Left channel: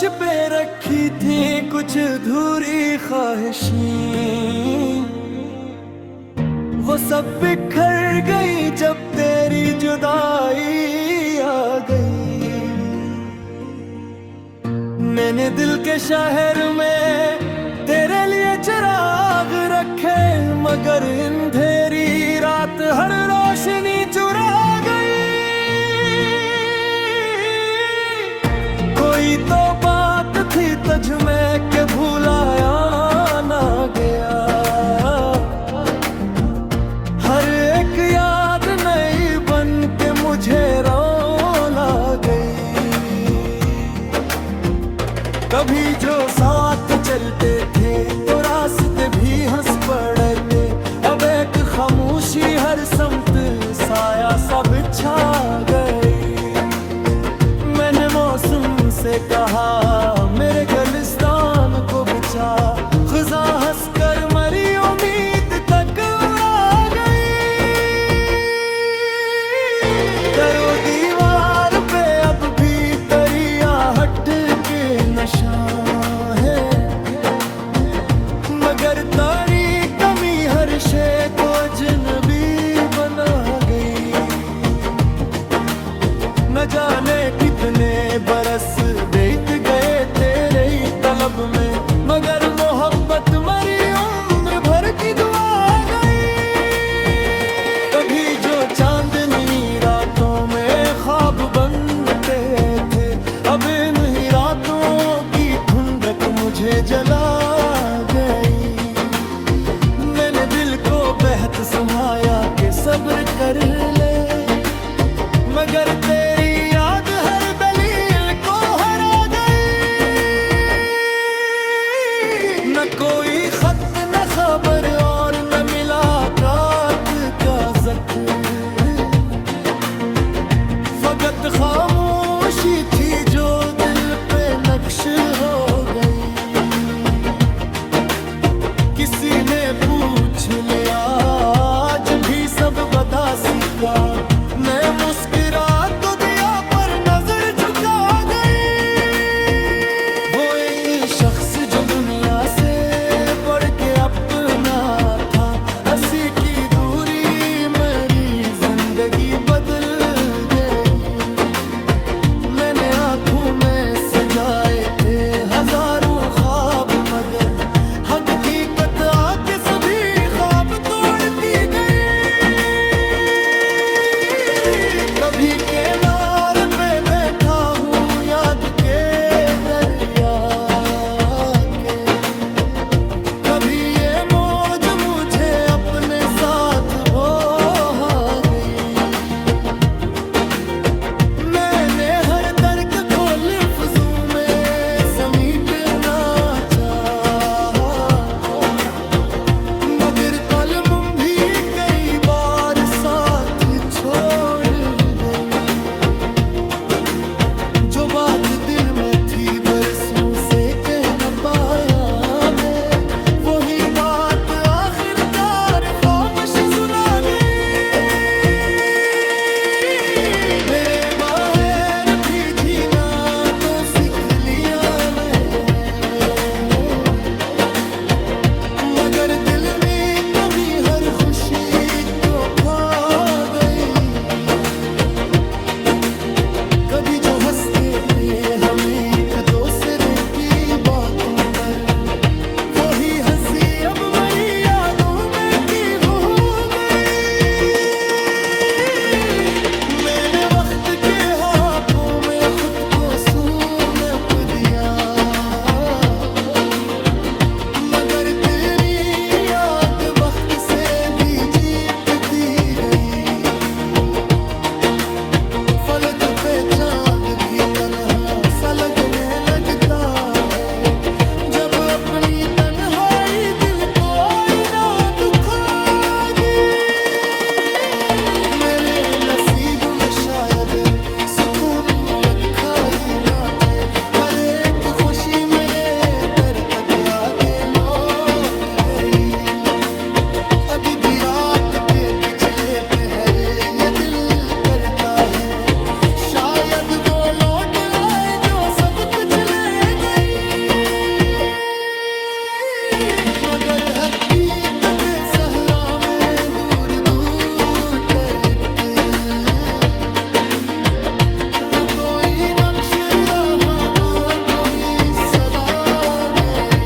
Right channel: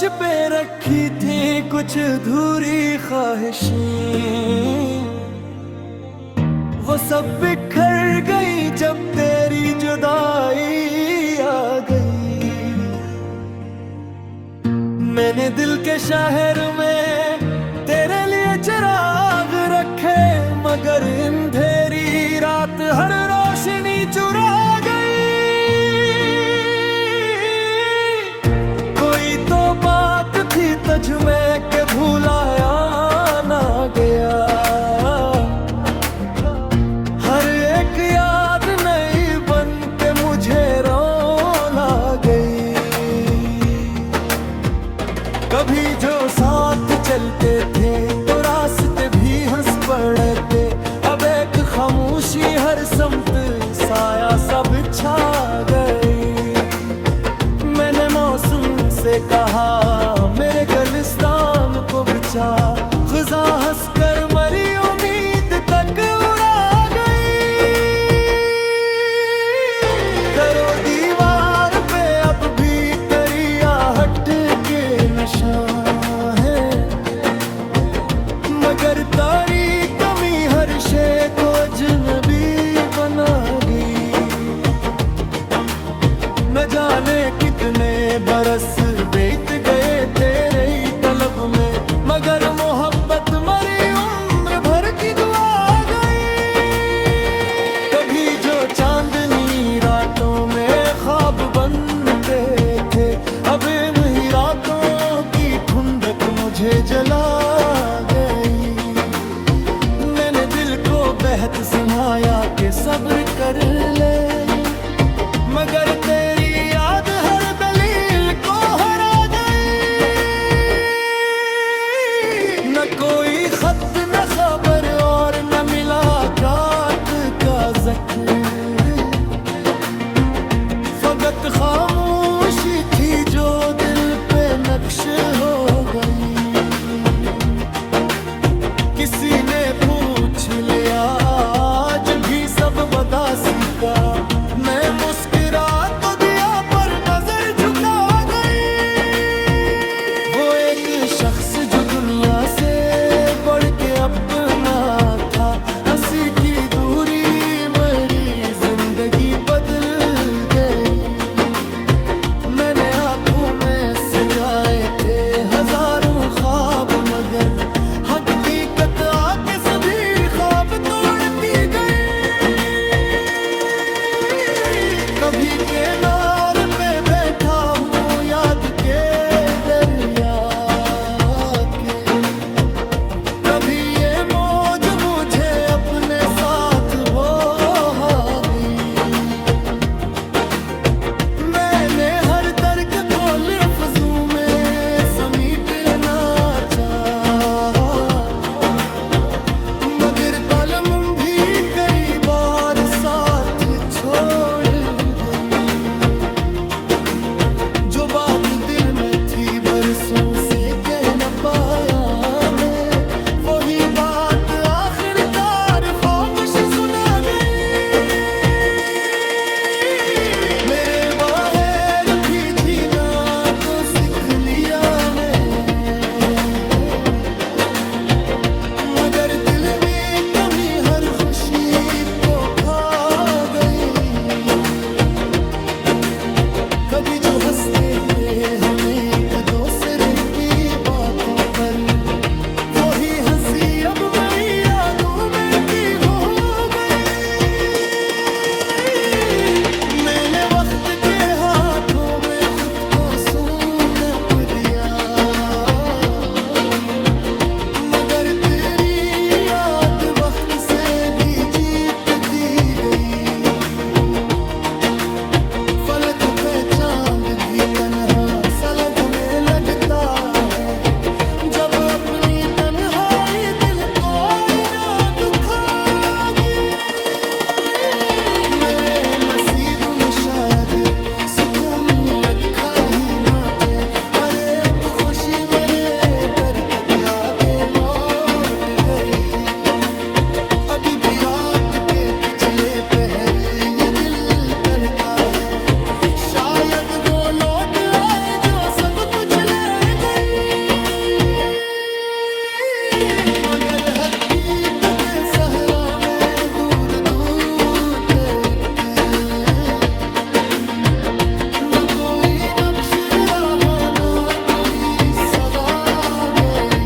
पे रखी थी कुछ अधूरी ख्वाहिशें, वो सब बिखर गई जब तेरी जुदाई आ गई। मैंने दिल के शहर में तेरे लिए चिराग रखे, मगर अंधेरी रात हर रोशनी चुरा गई। कोई तो बात थी तुझ में के भुलाया ना गया, हर एक याद नई बन के मुझे रोला गई। कभी जो साथ चलते थे तो रास्ते भी हंस पड़ते, अब एक खामोशी हर समत साया सा बिछा गई। मैंने मौसम से कहा मेरे गुलिस्तान को बचा, ख़ुदा हंस कर मरी उम्मीद तक उड़ा गई। दरो दीवार पे अब भी तेरी आहट के निशान है, मगर तारी कमी हर शे को अजनबी बना गई। न जाने कितने बरस बीत गए तेरे ही तलब में, मगर मोहब्बत मरी उम्र भर की दुआ गई। कभी जो चांदनी रातों में ख्वाब बनते थे, अब इन ही रातों की ठुंडक मुझे जला गई। मैंने दिल को बहत सुनाया कि सब्र कर ले, मगर तेरी याद हर दलील को हरा गई। न कोई खत न खबर और न मुलाकात का ज़िक्र, फकत खामोशी थी जो दिल पे नक्श हो गई। किसी ने पूछ लिया आज भी सब बदासी का, मैं मुस्कुरा तो दिया पर नजर झुका गई। वो एक शख्स जो दुनिया से बढ़ के अपना था, हंसी की दूरी मेरी जिंदगी बदल गई। मैंने आंखों में सजाए थे हजारों ख्वाब, मगर हकीकत आके सभी ख्वाब तोड़ती गई। कभी किनारे पे बैठा हूँ याद के दरिया के, कभी ये मौज मुझे अपने साथ बहा गई। मैंने हर दर्द को लफ्ज़ों में समेटना चाहा, मगर कलम भी कई बार साथ छोड़ गई। जो बात दिल में थी बरसों से कह न पाया मैं, वही बात आखिरकार ख्वाबश सुना गई। मेरे बाहर भी जीना तो सीख लिया मैं, मगर दिल में कमी हर खुशी को खा गई। कभी जो हंसते थे हमें एक दूसरे की बातों पर, वही हंसी अब मेरी यादों में कील हो गई। मैंने वक्त के हाथों में खुद को सूंप दिया, मगर तेरी याद वक्त से भी जीतती गई। फलक पे चांद भी तन्हा सा लगने लगता है, जब अपनी तन्हाई दिल को आईना दुखागी। मेरे नसीब में शायद सुकून लिखा ही ना थे, हर एक खुशी मेरे दर तक आके लौट गई। अभी भी रात के पिछले पहर ये दिल करता है, शायद वो लौट आए जो सब कुछ ले हकीकत सहरा में दूर दूर तक, न कोई नक्श रहा न कोई सदा गई।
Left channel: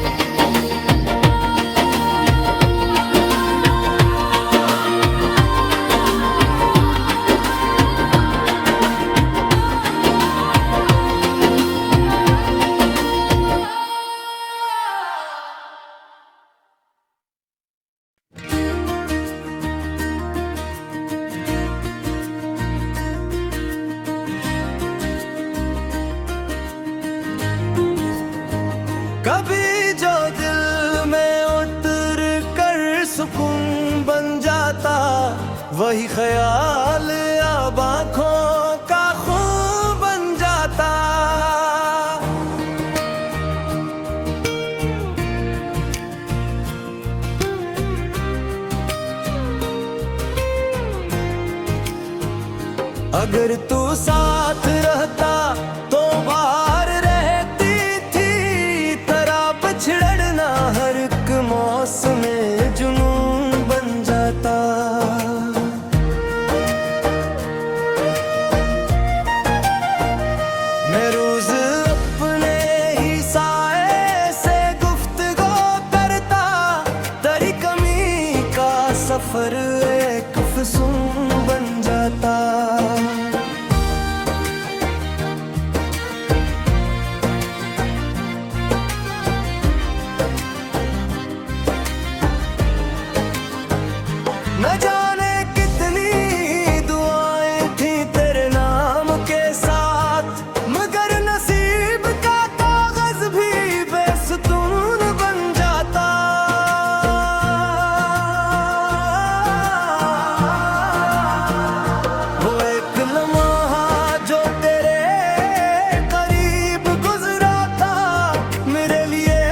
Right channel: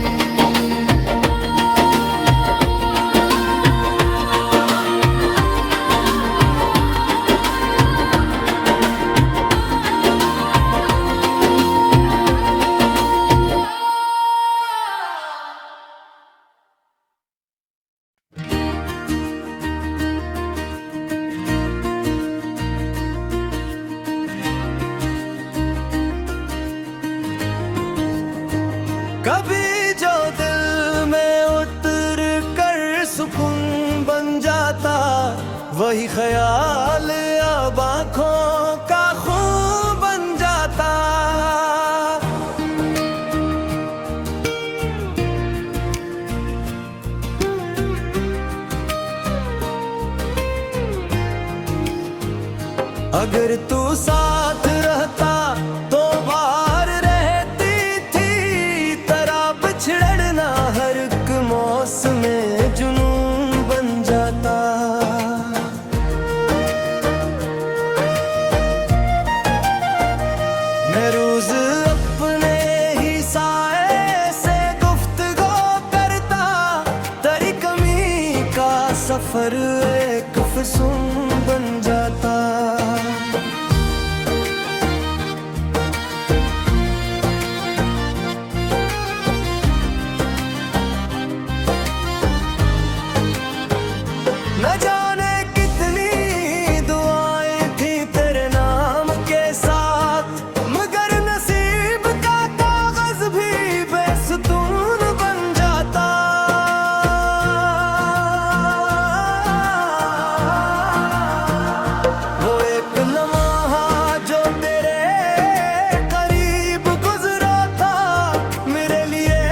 कभी जो दिल में उतर कर सुकून बन जाता, वही ख्याल अब आँखों का खून बन जाता। अगर तू साथ रहता तो बाहर रहती थी, तेरा बिछड़ना हर एक मौसम में जुनून बन जाता। मैं रोज अपने ही साए से गुफ्तगू करता, तेरी कमी का सफर एक फसून बन जाता। न जाने कितनी दुआएं थी तेरे नाम के साथ, मगर नसीब का कागज भी बेसुतून बन जाता। वो एक लम्हा जो तेरे करीब गुजरा था, मेरे लिए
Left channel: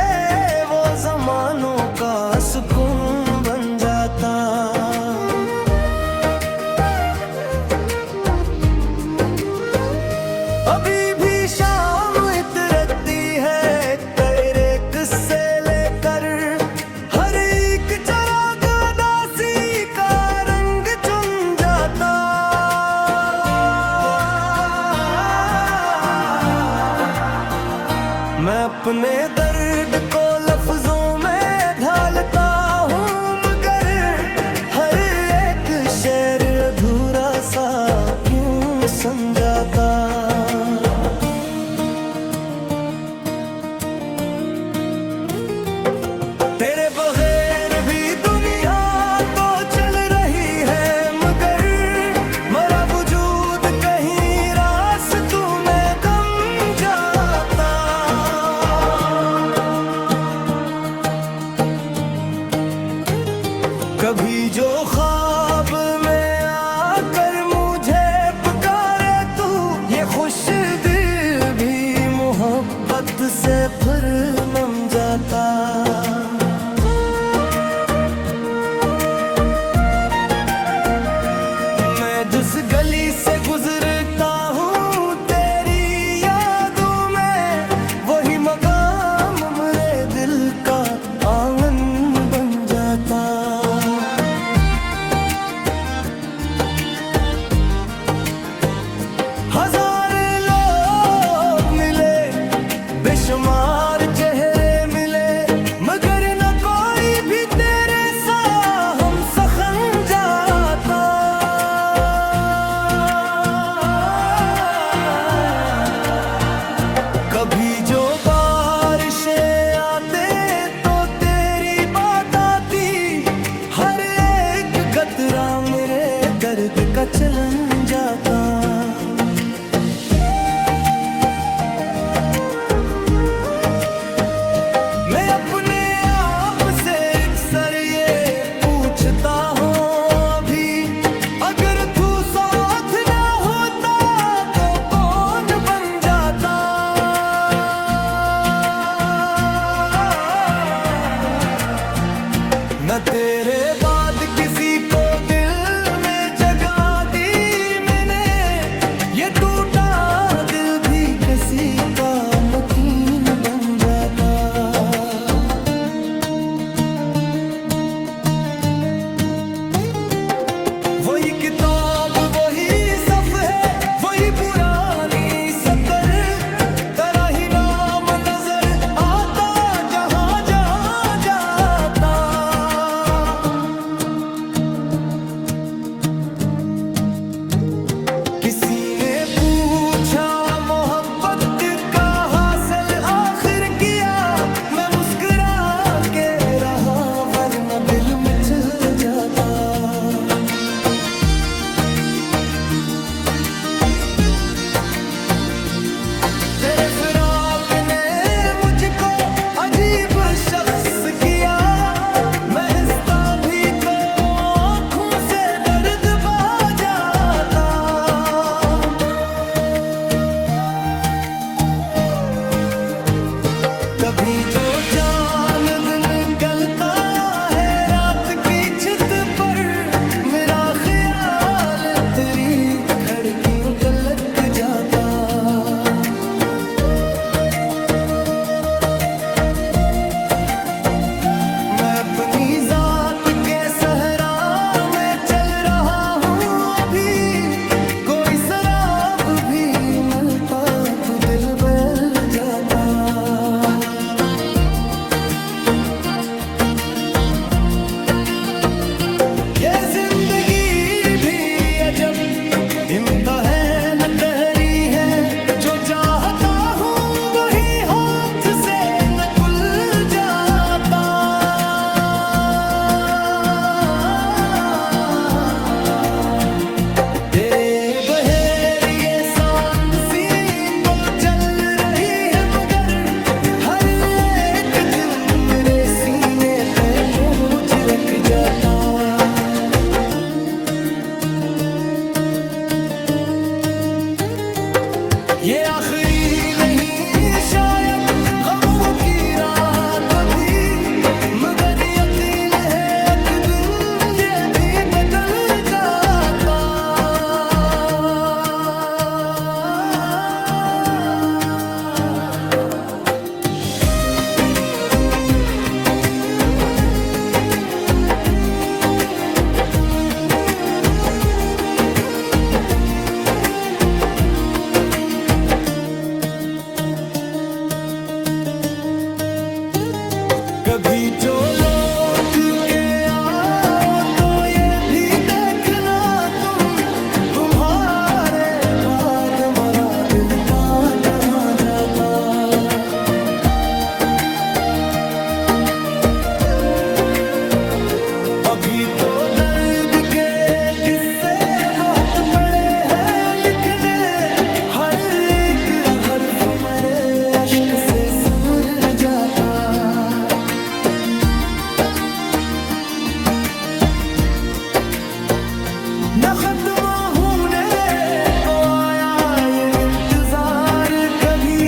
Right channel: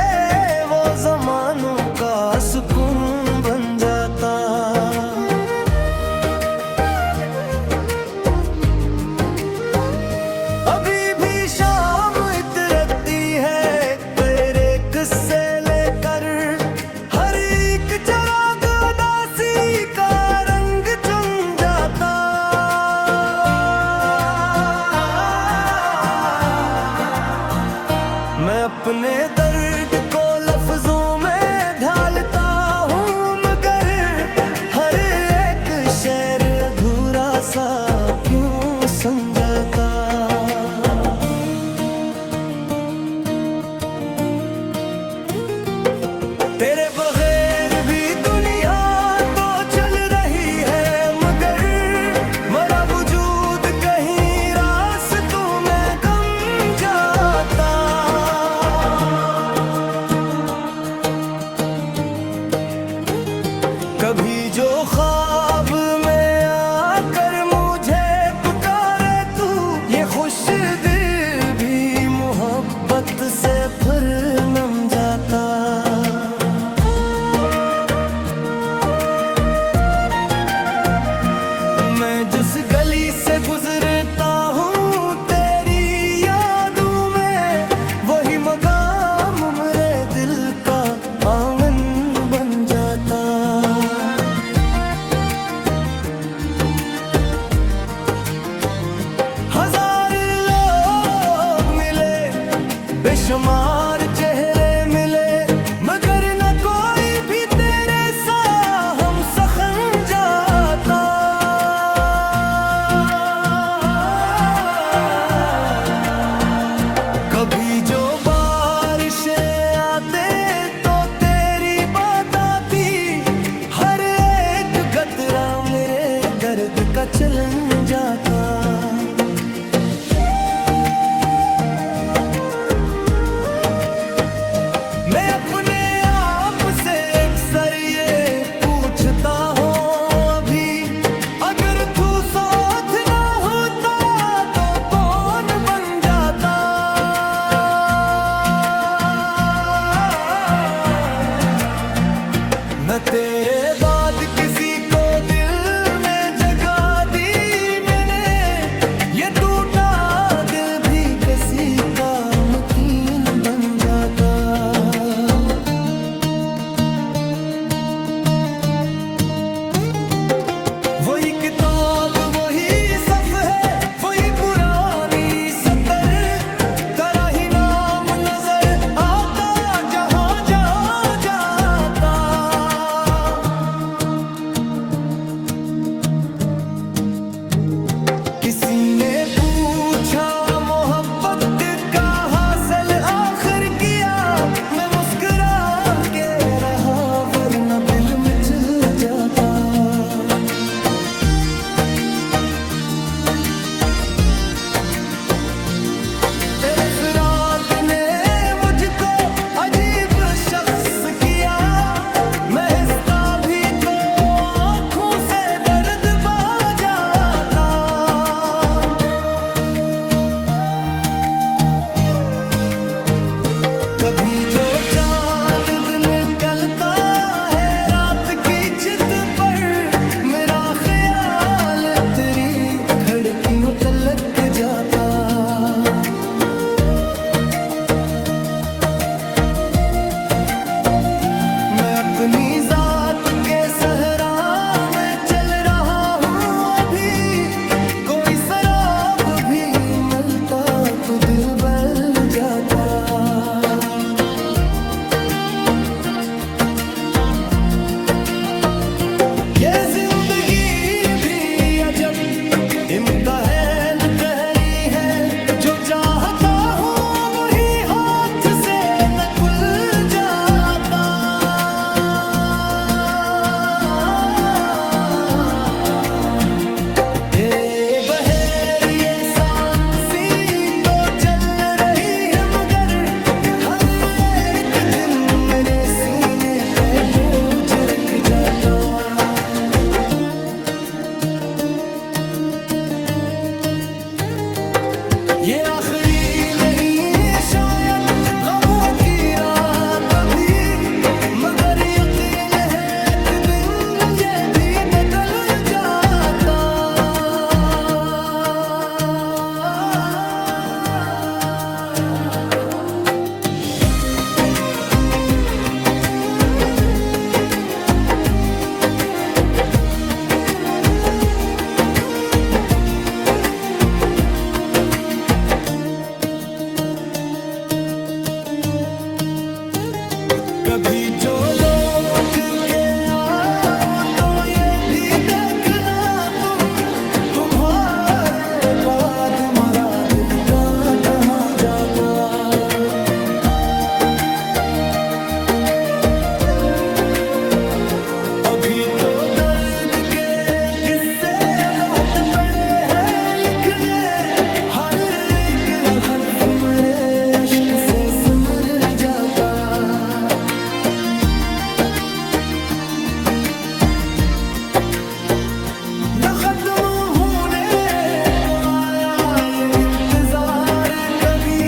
वो ज़मानों का सुकून बन जाता। अभी भी शाम इतरती है तेरे किस्से लेकर, हर एक चिराग उदासी का रंग चुन जाता। मैं अपने दर्द को लफ्जों में ढालता हूँ, मगर हर एक शेर अधूरा सा क्यों समझाता। तेरे बगैर भी दुनिया तो चल रही है, मगर मरा वजूद कहीं रास्तों में गम जाता। कभी जो ख्वाब में आकर मुझे पुकारे तू, ये खुश दिल भी मोहब्बत से फिर नम जाता। मैं जिस गली से गुजरता हूँ तेरी यादों में, वही मकाम मेरे दिल का आंगन बन जाता। हजार लोग मिले, बेशुमार चेहरे मिले, मगर न कोई भी तेरे सा हम सखन जाता। कभी जो बारिशें आते तो तेरी बात आती, हर एक गतरा मेरे दर्द का चलन जाता। मैं अपने आप से अक्सर ये पूछता हूँ अभी, अगर तू साथ ना होता तो कौन बन जाता। न तेरे बाद किसी को दिल में जगह दी मैंने, ये टूटा दिल भी किसी का मुकीन बन जाता। ना दिल मिचल जाता। तेरे फिराक ने मुझको अजीब शख्स किया, मैं हिस्सा भी तो आँखों से दर्द बहा जाता। कभी जो चांद निकलता है रात की छत पर, मेरा ख्याल तेरी खिड़कियों तलक जाता। मैं अपनी जात के सहरा में चल रहा हूँ अभी, कोई शराब भी मिलता तो दिल बहल जाता। ये जिंदगी भी अजब इम्तिहान तहरी है, जो चाहता हूँ वही हाथ से निकल जाता। तेरे बहेर ये सांसी तो चल रही है, मगर हर एक दिन मेरे सीने पे बोझ रख जाता। ये आखिरी नहीं शायद गमों की रात भी, मगर यकीन है एक दिन ये भी बदल जाता। कभी जो लौट के आओ तो ये भी देखना तुम्हारे बाद मरा दिल का कहाँ जाता। अभी तो दर्द के किस्से बहुत पड़े हैं लिखने, हर एक हर्फ मेरे अश्क से सुमर जाता। न खत्म होने को आया ये इंतजार कभी,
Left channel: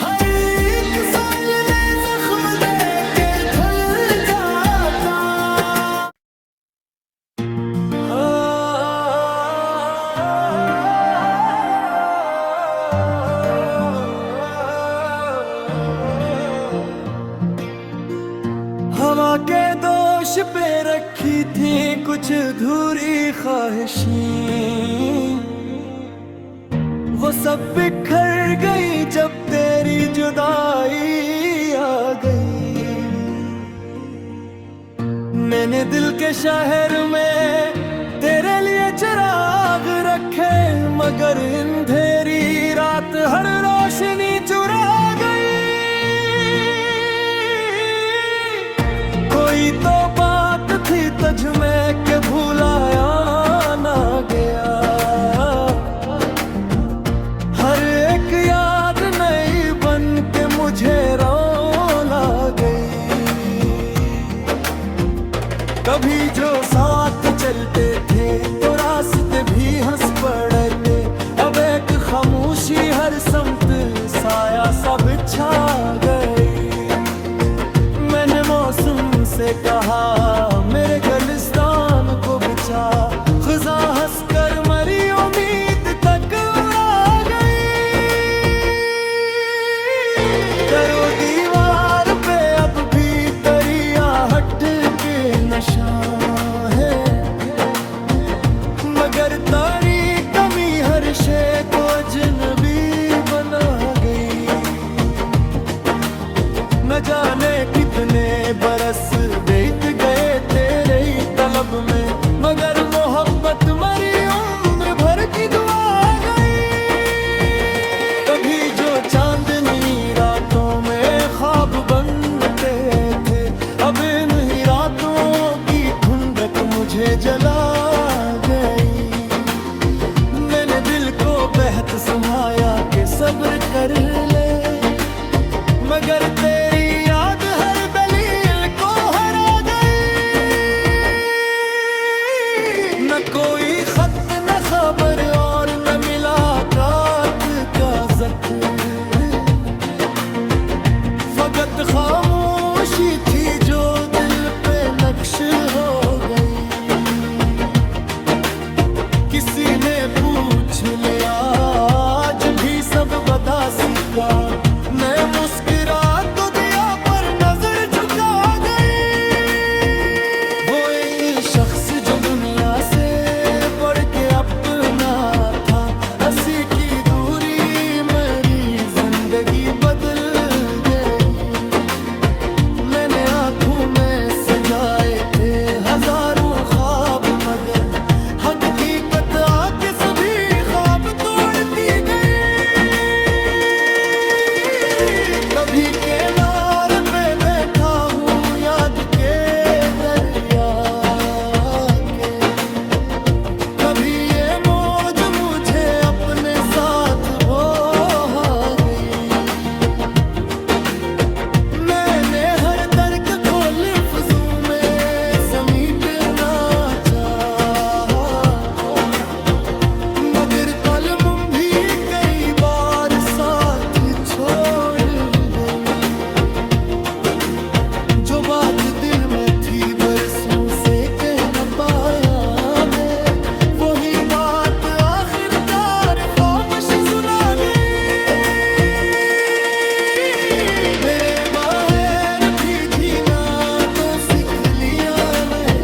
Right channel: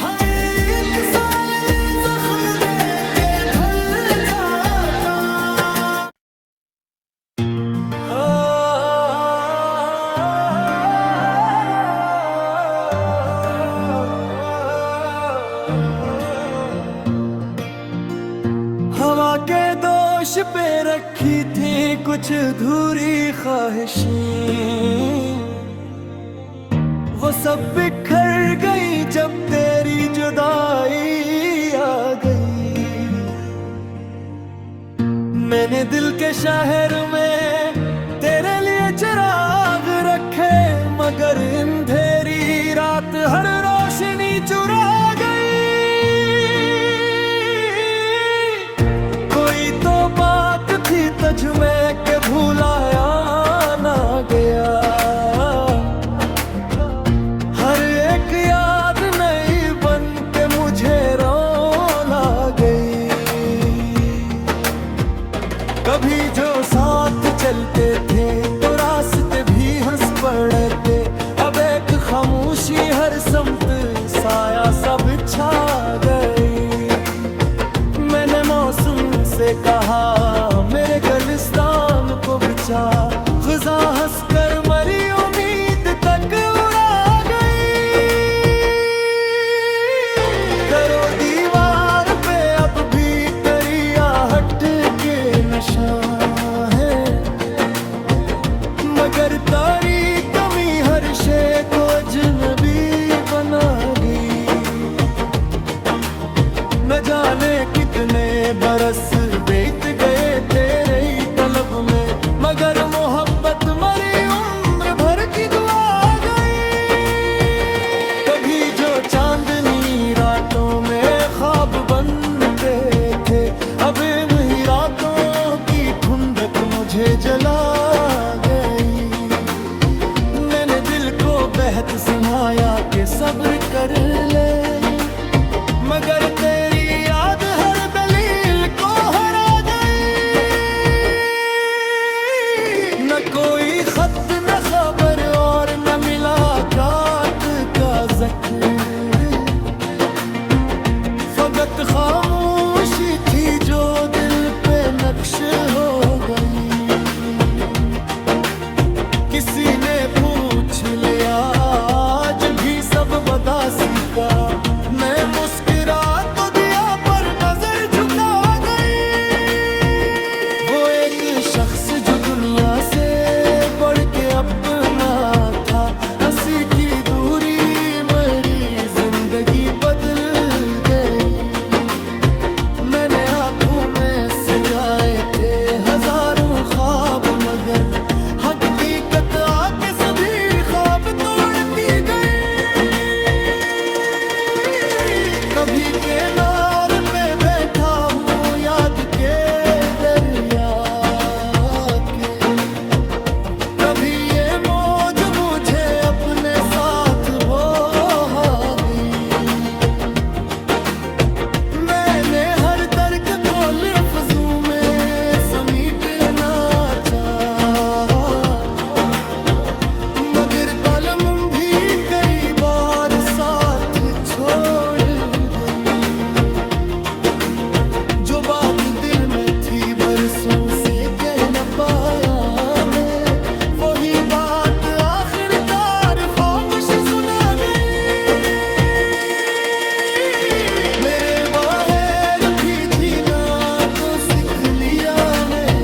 हर एक साल में जख्म देकर धुल जाता। हवा के दोष पे रखी थी कुछ अधूरी ख्वाहिशें, वो सब बिखर गई जब तेरी जुदाई आ गई। मैंने दिल के शहर में तेरे लिए चिराग रखे, मगर अंधेरी रात हर रोशनी चुरा गई। कोई तो बात थी तुझ में के भुलाया ना गया, हर एक याद नई बन के मुझे रोला गई। कभी जो साथ चलते थे तो रास्ते भी हंस पड़ते, अब एक खामोशी हर समत साया सब छा गई। मैंने मौसम से कहा मेरे गुलिस्तान को बचा, ख़ुदा हंसकर मरी उम्मीद तक उड़ा गई। दरो दीवार पे अब भी तेरी आहट के निशान है, मगर तारी कमी हर शे को अजनबी बना गई। न जाने कितने बरस बीत गए तेरे ही तलब में, मगर मोहब्बत मरी उम्र भर की दुआ गई। कभी जो चांदनी रातों में ख्वाब बनते थे, अब इन ही रातों मुझे जला गई। मैंने दिल को बहत सुनाया कि सब्र कर ले, मगर तेरी याद हर दलील को हरा गई। न कोई खत न खबर और न मुलाकात का ज़िक्र, फकत खामोशी थी जो दिल पे नक्श हो गई। किसी ने पूछ लिया आज भी सब बदासी का, मैं मुस्कुरा तो दिया पर नजर झुका गई। वो एक शख्स जो दुनिया से बढ़ के अपना था, हंसी की दूरी मेरी जिंदगी बदल गई। मैंने आंखों में सजाए थे हजारों ख्वाब, मगर हकीकत आके सभी ख्वाब तोड़ती गई। कभी किनारे पे बैठा हूँ याद के दरिया के, कभी ये मौज मुझे अपने साथ बहा गई। मैंने हर दर्द को लफ्ज़ों में समेटना चाहा, मगर कलम भी कई बार साथ छोड़ गई। जो बात दिल में थी बरसों से कह न पाया मैं, वही बात आखिरकार ख्वाबश सुना गई। मेरे बाहर भी जीना तो सीख लिया मैं,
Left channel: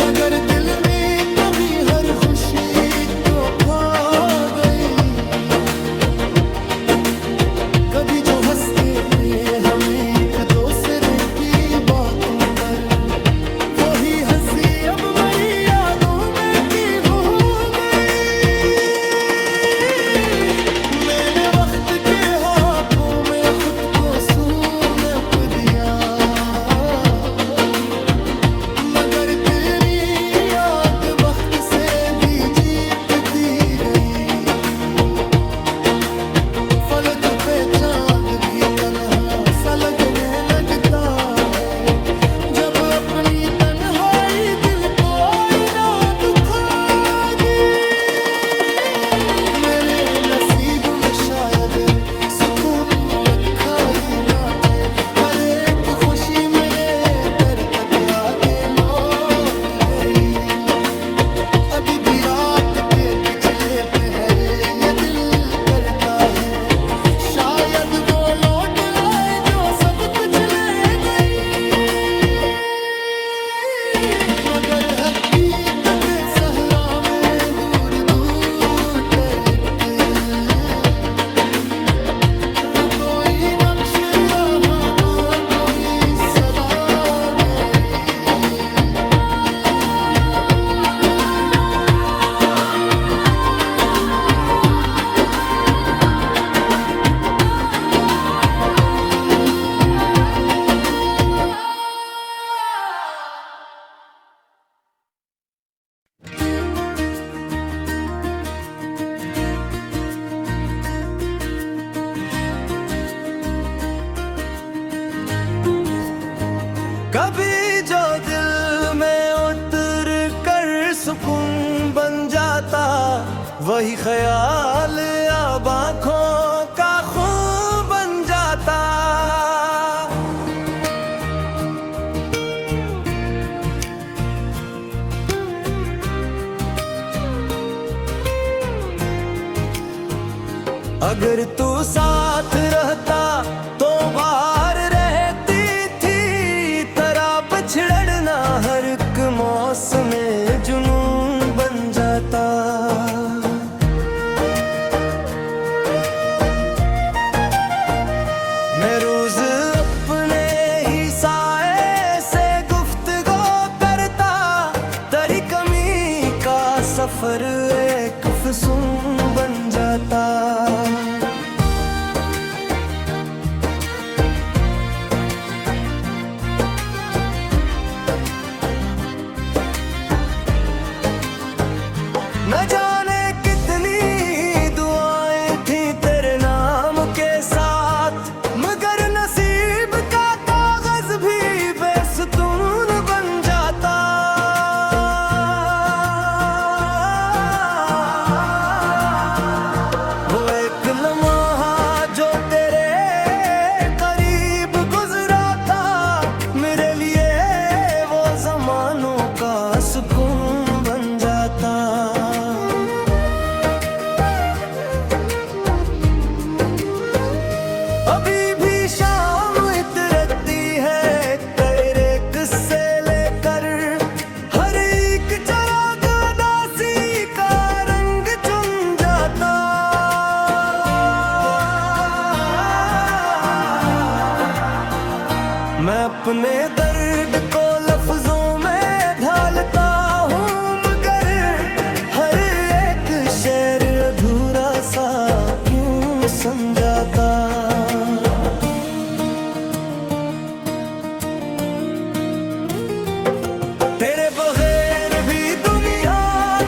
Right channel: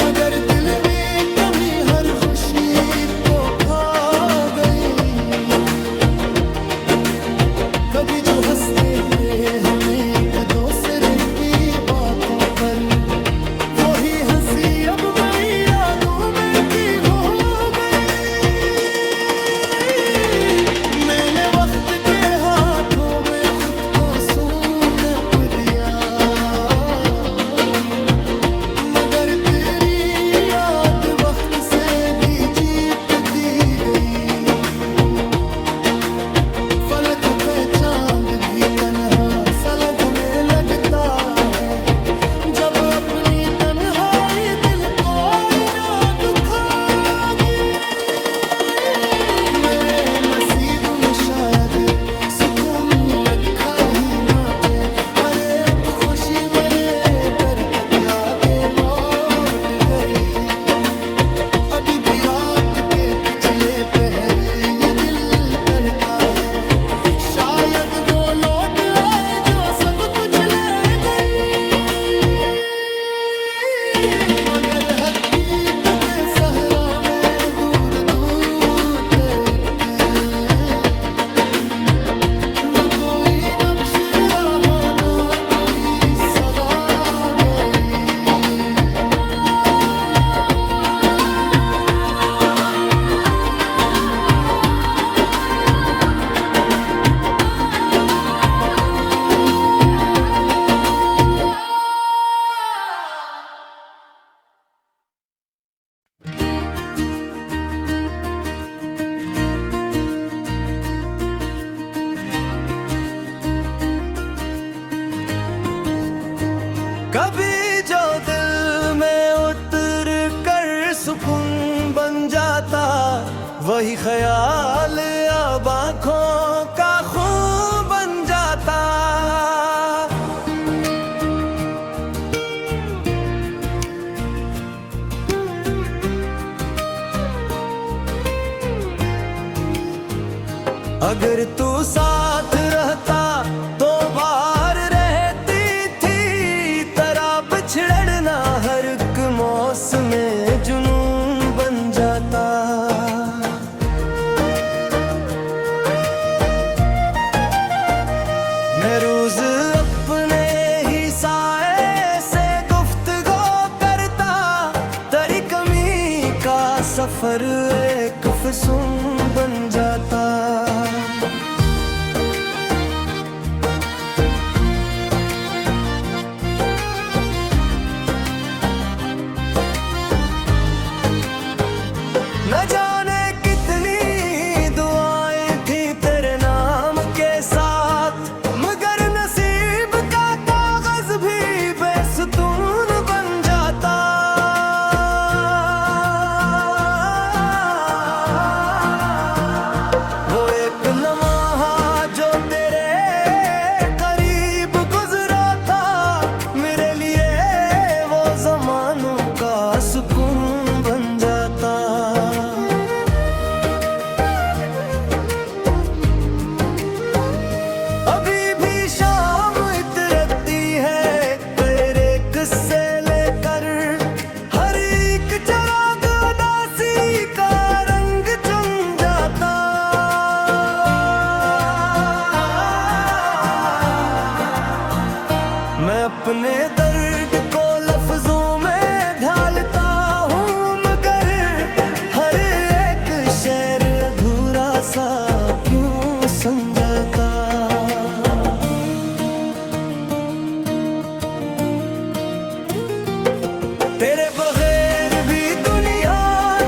मगर दिल में कमी हर खुशी को खा गई। कभी जो हंसते थे हमें एक दूसरे की बातों पर, वही हंसी अब मेरी यादों में की हो गई। मैंने वक्त के हाथों में खुद को सौंप दिया, मगर तेरी याद वक्त से भी जीतती गई। फलक पे चांद भी तन्हा सा लगने लगता है, जब अपनी तन्हाई दिल को आईना दुखागी। मेरे नसीब में शायद सुकून लिखा ही ना थे, हर एक खुशी मेरे दर तक आके लौट गई। अभी भी रात के पिछले पहर ये दिल करता है, शायद वो लौट आए जो सब कुछ ले गई। मगर हकीकत सहरा में दूर दूर तक न कोई नक्श रहा, न कोई सदा गई। कभी जो दिल में उतर कर सुकून बन जाता, वही ख्याल अब आँखों का खून बन जाता। अगर तू साथ रहता तो बाहर रहती थी, तेरा बिछड़ना हर एक मौसम में जुनून बन जाता। मैं रोज अपने ही साए से गुफ्तगू करता, तेरी कमी का सफर एक फसून बन जाता। मैं अपने दर्द को लफ्जों में ढालता हूँ, मगर हर एक शेर अधूरा सा क्यों समझाता। तेरे बगैर भी दुनिया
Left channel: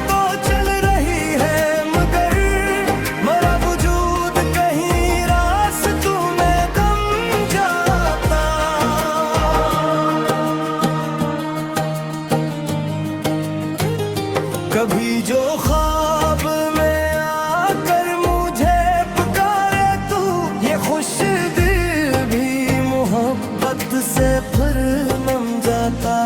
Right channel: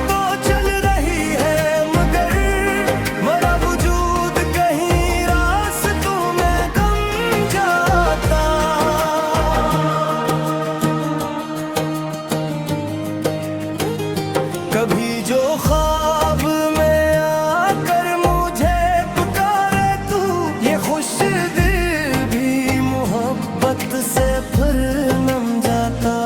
तो चल रही है, मगर मरा वजूद कहीं रास्तों में गम जाता। कभी जो ख्वाब में आकर मुझे पुकारे तू, ये खुश दिल भी मोहब्बत से फिर नम जाता।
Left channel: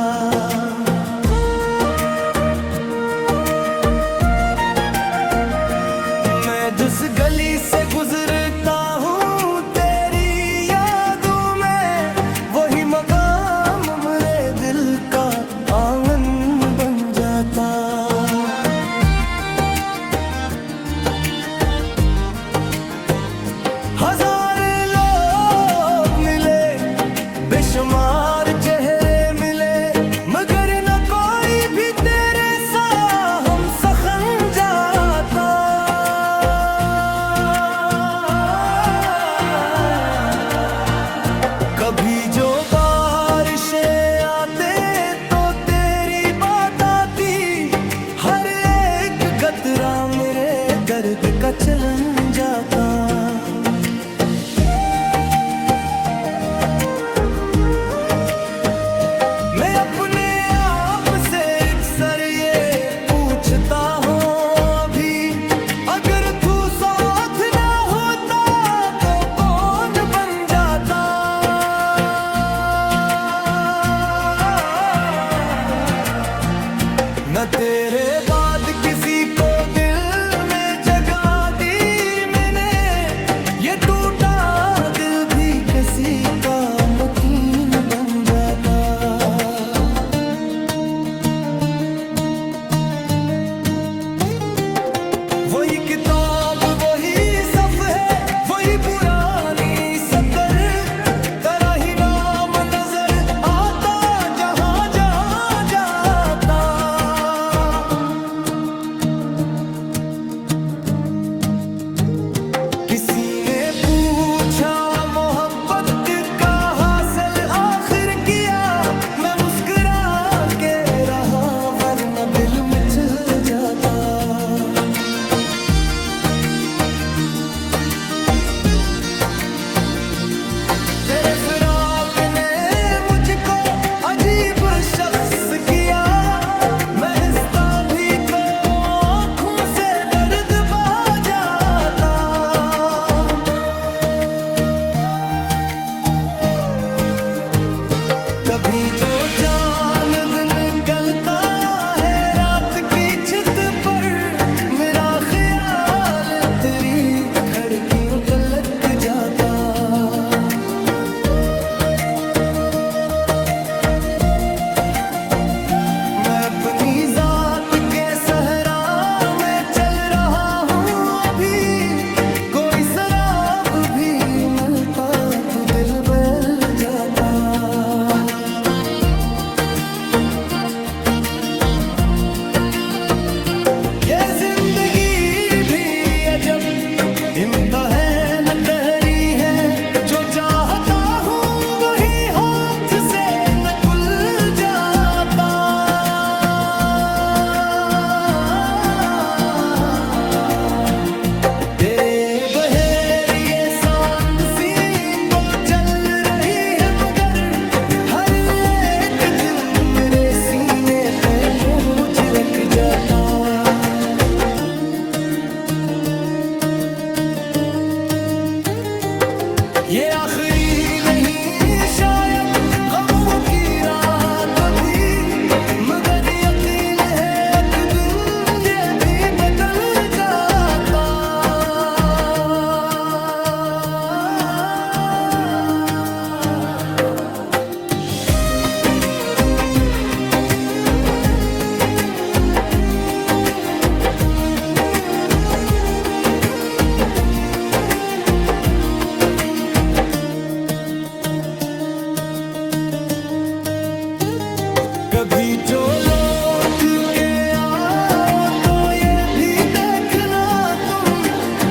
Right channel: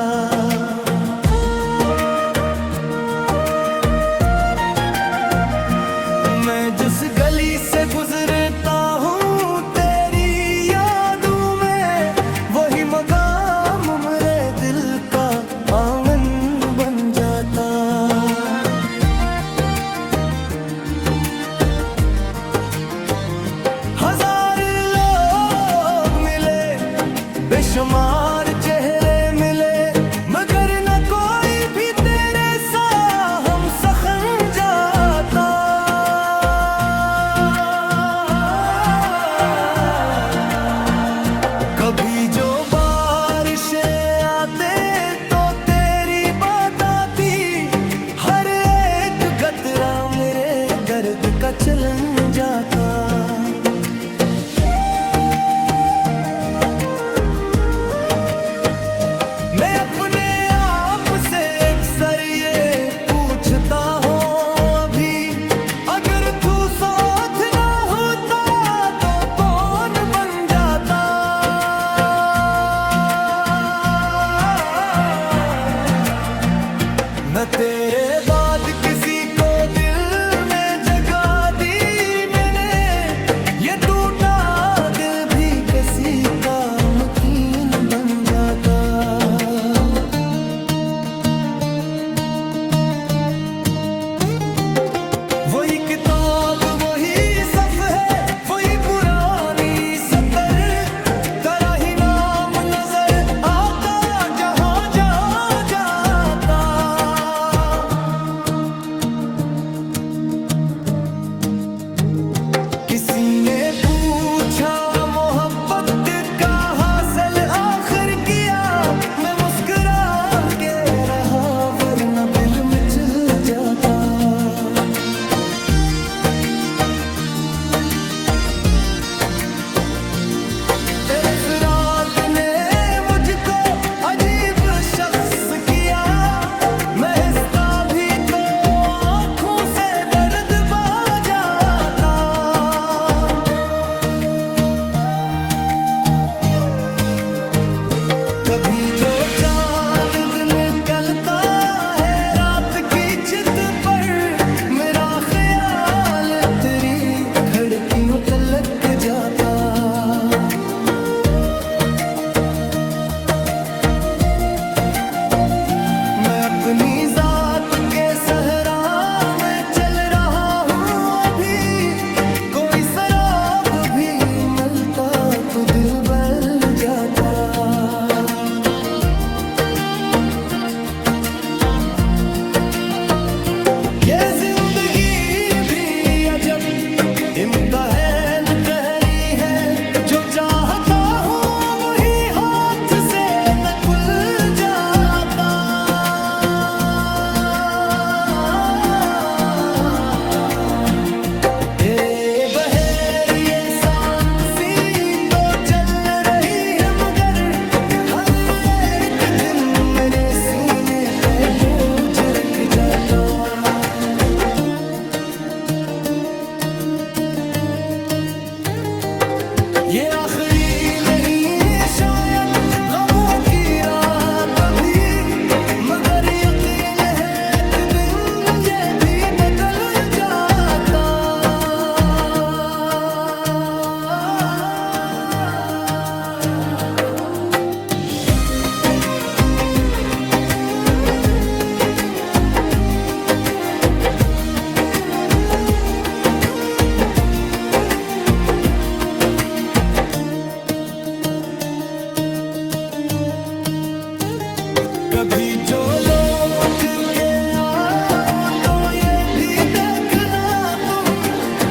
मैं जिस गली से गुजरता हूँ तेरी यादों में, वही मकाम मेरे दिल का आंगन बन जाता। हजार लोग मिले, बेशुमार चेहरे मिले, मगर न कोई भी तेरे सा हम सखन जाता। कभी जो बारिशें आते तो तेरी बात आती, हर एक गतरा मेरे दर्द का चलन जाता। मैं अपने आप से अक्सर ये पूछता हूँ अभी, अगर तू साथ ना होता तो कौन बन जाता। न तेरे बाद किसी को दिल में जगह दी मैंने, ये टूटा दिल भी किसी का मुकीन बन जाता। वही किताब वही सफ है, वही पुरानी सतर, तेरा ही नाम नजर आता जहां जहां जाता। किसी ने पूछा मोहब्बत का हासिल आखिर किया, मैं मुस्कुरा के रहा वरना दिल मिचल जाता। तेरे फिराक ने मुझको अजीब शख्स किया, मैं हंसता भी तो आँखों से दर्द बहा जाता। कभी जो चांद निकलता है रात की छत पर, मेरा ख्याल तेरी खिड़कियों तलक जाता। मैं अपनी जात के सहरा में चल रहा हूँ अभी, कोई शराब भी मिलता तो दिल बहल जाता। ये जिंदगी भी अजब इम्तिहान तहरी है, जो चाहता हूँ वही हाथ से निकल जाता। तेरे बहेर ये सांसी तो चल रही है, मगर हर एक दिन मेरे सीने पे बोझ रख जाता। ये आखिरी नहीं शायद गमों की रात भी, मगर यकीन है एक दिन ये भी बदल जाता। कभी जो लौट के आओ तो ये भी देखना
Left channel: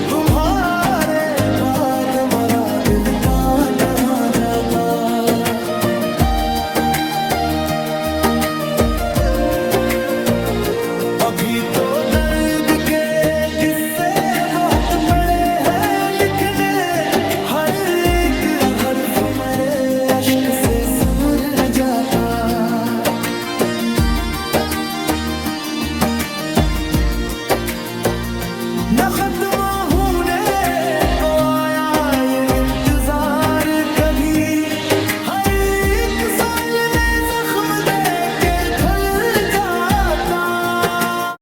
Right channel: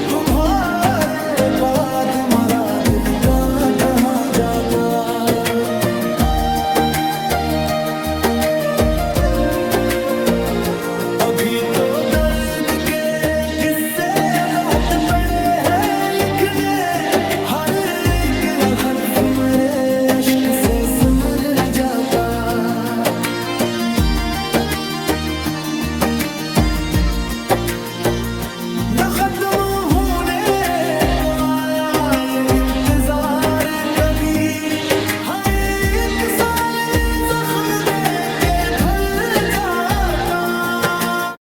तुम्हारे बाद मरा दिल का कहाँ जाता। अभी तो दर्द के किस्से बहुत पड़े हैं लिखने, हर एक हर्फ मेरे अश्क से सुमर जाता।